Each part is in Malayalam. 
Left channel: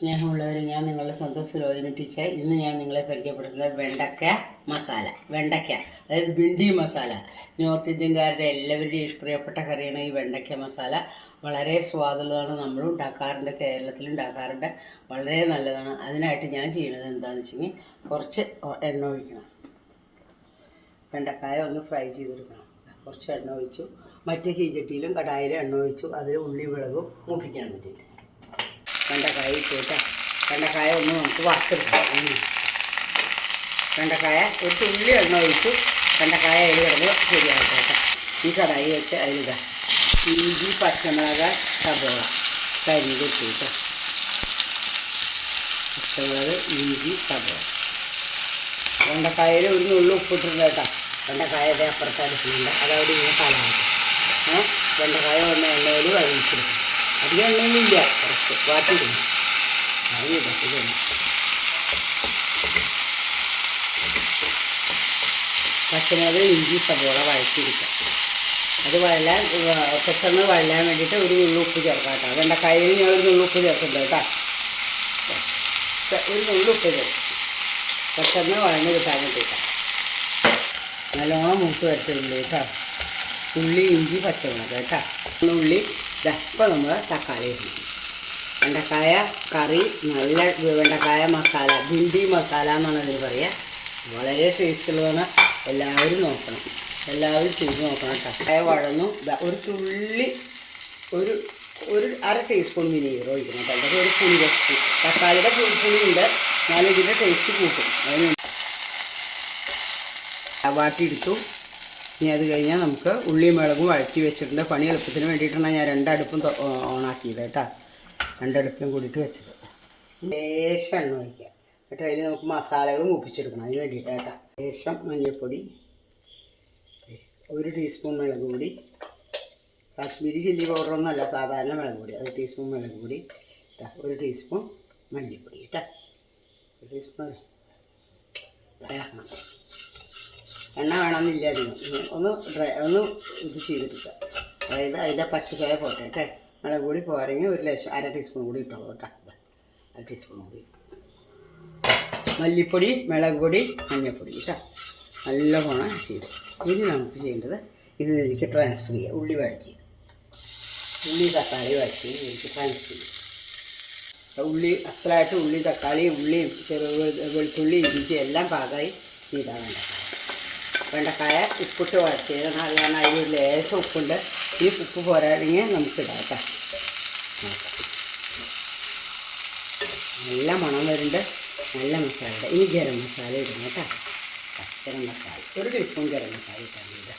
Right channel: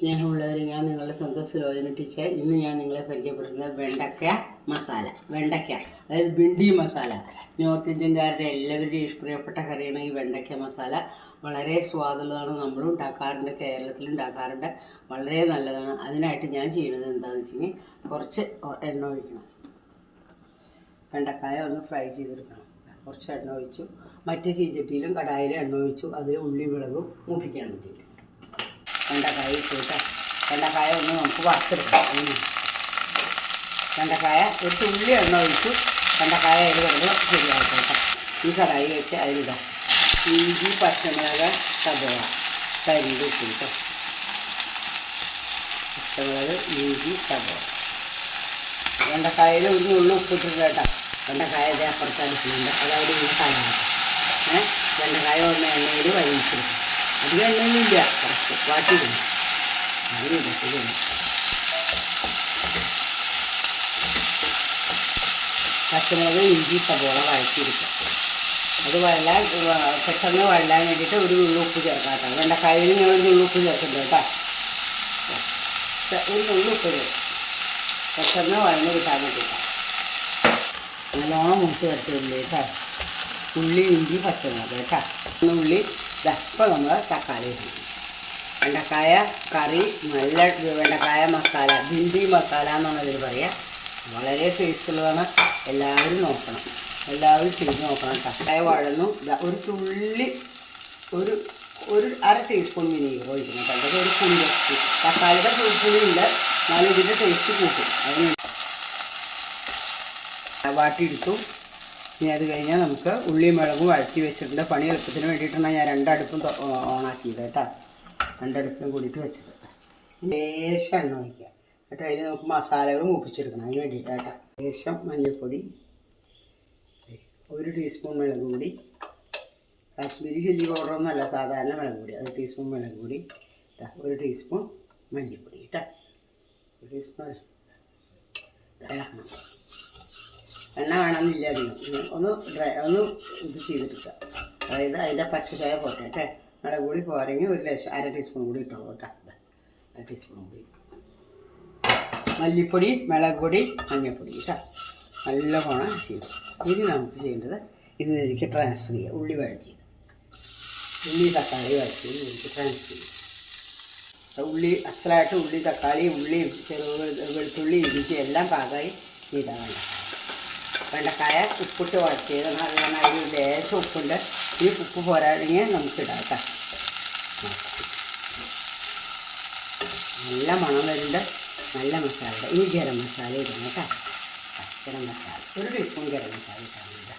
സ്നേഹമുള്ളവർ ഞാൻ നിങ്ങളുടെ സ്വന്തം സുലോചന ടീച്ചർ. ഇന്ന് ഞാൻ നിങ്ങളെ പരിചയപ്പെടുത്തുന്നത് വെണ്ടക്ക മസാല വെണ്ടയ്ക്ക അതായത് ബിണ്ടി മസാല. നോർത്ത് ഇന്ത്യൻകാരുടെ എല്ലാവരുടെയും ഇഷ്ടപ്രിയപ്പെട്ട കറിയാണ് ഈ വെണ്ടയ്ക്ക മസാല. വളരെ സ്വാദുള്ളതാണ് നമ്മളും ഉണ്ടാക്കാറുണ്ട് കേരളത്തിൽ ഉണ്ടാക്കാറുണ്ട്. വളരെ നല്ലതാണ്. അതിനായിട്ട് ഞാൻ ചെയ്യുന്നത് എന്താണെന്ന് വെച്ചെങ്കിൽ കുറച്ച് എണ്ണ ഒഴിക്കണം. വെണ്ടക്കായ ഒന്ന് ഫ്രൈ ചെയ്തെടുക്കണം. കുറച്ച് എണ്ണ ഒഴിച്ചു. മറ്റേ ചീഞ്ചട്ടിയിലും കടായിലും എണ്ണ ഒഴിച്ചു. അതിൽ ഉള്ളി വിളകും മൂപ്പിക്കാൻ വേണ്ടിയിട്ട്. വെണ്ടക്കായ ഇട്ടിട്ട് വെണ്ടക്കായ ഒന്ന് നമുക്ക് വറുത്തെടുക്കാം. വെണ്ടക്കായ ഒരു തുള്ളി എണ്ണ ഒഴിച്ച് വെണ്ടക്കായ അതിൽ കിടന്ന് ശരിയായിക്കോട്ടെ ഈ കടായി വെച്ച് അതിലിടാം. ഇഞ്ചി പച്ചമുളക് സബോള കരിഞ്ഞ് ഇട്ടിട്ട് പച്ചമുളക് ഇഞ്ചി സബോള വെണ്ടക്കായയിൽ ഒരു നുള്ളു ഉപ്പിട്ടിട്ടുണ്ട് കേട്ടോ. വെണ്ടക്കായ അപ്പുറത്ത് അടുക്കുന്നുണ്ട് അതവിടെ ഇങ്ങനെ ഏഹ് വെണ്ടക്കായ ഒന്ന് എണ്ണയിൽ വഴിച്ചെടുക്കും അധികം എണ്ണയൊന്നുമില്ല. കുറച്ച് വാട്ടിയിടും നല്ല ഇടത്തില്ല പച്ചമുളക് ഇഞ്ചി സബോള വഴറ്റിയെടുക്കുക അത് വഴലാൻ പെട്ടെന്ന് വഴലാൻ വേണ്ടിയിട്ട് ഒരു നുള്ളു ഉപ്പ് ചേർക്കാം കേട്ടോ. വെണ്ടക്കായയിൽ ഞാൻ ഒരു നുള്ളു ഉപ്പ് ചേർക്കുന്നുണ്ട് കേട്ടോ. ഒരു നുള്ളു ഉപ്പ് ചേർക്കും. പെട്ടെന്ന് വഴന്ന് കിട്ടാൻ വേണ്ടിയിട്ടാണ് നല്ലോണം മൂത്ത് വരട്ടില്ല കേട്ടോ. ഉള്ളി ഇഞ്ചി പച്ചമുളക് കേട്ടോ. ഉള്ളി ഇതാ ഇപ്പോൾ നമ്മൾ തക്കാളി ഇടണം വെണ്ടക്കായ കറി നല്ല വെണ്ടക്കായ മസാല ഭിണ്ടി മസാല എന്നാണ് അതിൽ പറയുക വളരെ ടേസ്റ്റുള്ളതാണ് എല്ലാവരും നോക്കണം. എല്ലാവരും ചെയ്ത് നോക്കണം തക്കായ വഴന്നു ഒരു തുള്ളി ഒരു ഒരു അര ടീസ്പൂൺ വിനീഗർ ഒഴിക്കണം പണ്ടൊക്കെ ഒരു പുളി വെച്ച് തക്കാളിയുടെ പുളിപ്പുളിയുണ്ട് എന്നാലും ഇതിന്റെ ടേസ്റ്റ് കൂട്ടും. അതിന് വാട്ടിയെടുത്തു ഇനി അത് കഴിഞ്ഞാൽ നമുക്ക് ഉള്ളിയും മുളകും വഴറ്റി വെച്ചിട്ടുണ്ട്. പണി എളുപ്പത്തിന് വേണ്ടിയിട്ടാണ് ഞാൻ രണ്ടടുപ്പും ഓണാക്കിയത് കേട്ടോ. രണ്ടടുപ്പിലും കൂടിയിട്ട് വെച്ചത്. ലേശം എണ്ണ ഒഴിക്കുക. എന്നിട്ട് അതിൽ നമുക്ക് മസാലകൾ മൂപ്പിച്ചെടുക്കണം. അതിന് വേണ്ടിയിട്ട് കേട്ടോ. ലേശം മഞ്ഞൾപ്പൊടി. ഒരു ടീസ്പൂൺ മുളക് പൊടി. കാശ്മീരി ചില്ലി പൗഡറൊന്നുമല്ല സാധാരണ മുളക് പൊടി. ഒരു ടീസ്പൂൺ മുളക് പൊടി. ഒരു ടീസ്പൂൺ മല്ലിപ്പൊടി കേട്ടോ. ഒരു ടീസ്പൂൺ എണ്ണ വേണമെന്നില്ല അധികം ഒന്ന് ഡ്രൈ ഒന്ന് ഇത് ചെയ്തെടുക്കുക അതായത് അതിന്റെ പച്ചച്ചായ പോട്ടെ കേട്ടെ നല്ല കൂടി പോരെങ്കിൽ ഒരു ലക്ഷം അര ടീസ്പൂൺ കൂടി ഇട്ടോളൂ കേട്ടോ അര ടീസ്പൂൺ കൂടി. മല്ലിപ്പൊടി മുളക് പൊടി മഞ്ഞൾപ്പൊടി കേട്ടോ പോണം ചെയ്തു. ഇനി നമുക്ക് ചെയ്യേണ്ടത് ഇത് ഇതിലേക്ക് ട്രാൻസ്ഫർ ചെയ്യുക ഉള്ളി വഴറ്റിയത് ഉള്ളി തക്കാളി വഴറ്റി ഇതിലേക്ക് ട്രാൻസ്ഫർ ചെയ്യുക ഉള്ളി അസലായിട്ട് ഉള്ളി തക്കാളി ഉള്ളിയും ചെറു വെളുത്തുള്ളി ഇഞ്ചി എല്ലാം പാകമായി ചെയ്താൽ വേണ്ട വെണ്ടക്കായ ഉപ്പിട്ട് വഴറ്റിയത് കാരണം അതിൽ ലേശം ഉപ്പുണ്ട്. ഈ ഉപ്പ് പോരാണെങ്കിൽ നമുക്ക് ഇടാം നല്ല മണം വരുന്നുണ്ട്. നല്ല മസാല ഇനി ഗരം മസാല ഇടണം കേട്ടോ. ഗരം മസാല. ഒരു ടീസ്പൂൺ ഗരം മസാല ഇട്ടാൽ മതി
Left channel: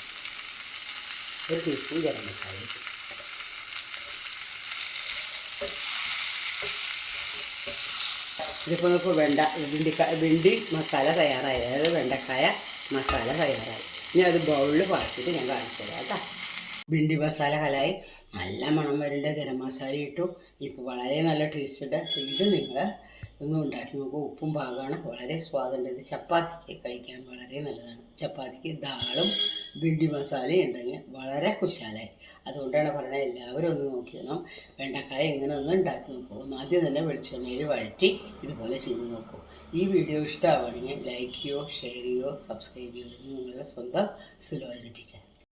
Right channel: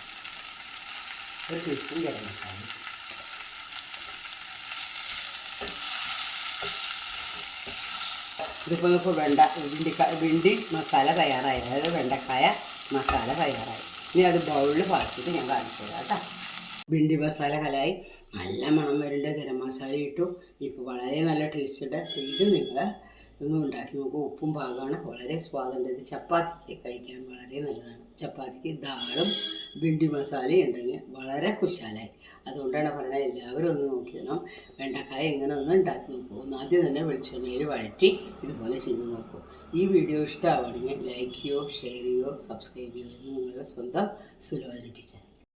ഒരു ടീസ്പൂൺ ഗരം മസാല ഇതിപ്പോൾ ഇപ്പോൾ വെണ്ട വെണ്ടിക്ക വെണ്ടി മസാല തയ്യാറായി. അതായത് വെണ്ടക്കായ മസാല തയ്യാറായി. ഇനി അത് ബൗളിൽ പാട്ടിട്ട് ഞാൻ കാണിച്ചു തരാം കേട്ടോ. ഭിണ്ടി മസാല കലായി. നല്ല മണം വരേണ്ട ഗരം മസാല ഇട്ടു. ഇപ്പോൾ വളരെ നല്ല ടേസ്റ്റ് ഉണ്ട്. ഇത് നിങ്ങൾ ഒന്ന് ഉണ്ടാക്കി നോക്കും. ഉപ്പും പാകമാണ് വളരെ സ്വാദുണ്ട് ഇത് ചപ്പാത്തിക്ക് കഴിക്കാൻ വളരെ നല്ലതാണ്. ചപ്പാത്തിക്ക് ദാളും ഭിണ്ടി മസാലയും ഉണ്ടെങ്കിൽ വളരെ കുശാലായി. അതുകൊണ്ടാണ് പറയുന്നത് എല്ലാവരും ഒന്ന് നോക്കിയണം. വെണ്ടക്കായ ഇങ്ങനെ ഒന്ന് ഉണ്ടാക്കി നോക്കൂ. ആദ്യം തന്നെ വെളിച്ചെണ്ണയിൽ വഴറ്റി ഇതുപോലെ ചെയ്ത് നോക്കൂ. ഈ വീഡിയോ ഇഷ്ടമാവുകയാണെങ്കിൽ ലൈക്ക് ചെയ്യോ ഷെയർ ചെയ്യോ സബ്സ്ക്രൈബ് ചെയ്യോ നിങ്ങളുടെ സ്വന്തം സുലോചന ടീച്ചർ.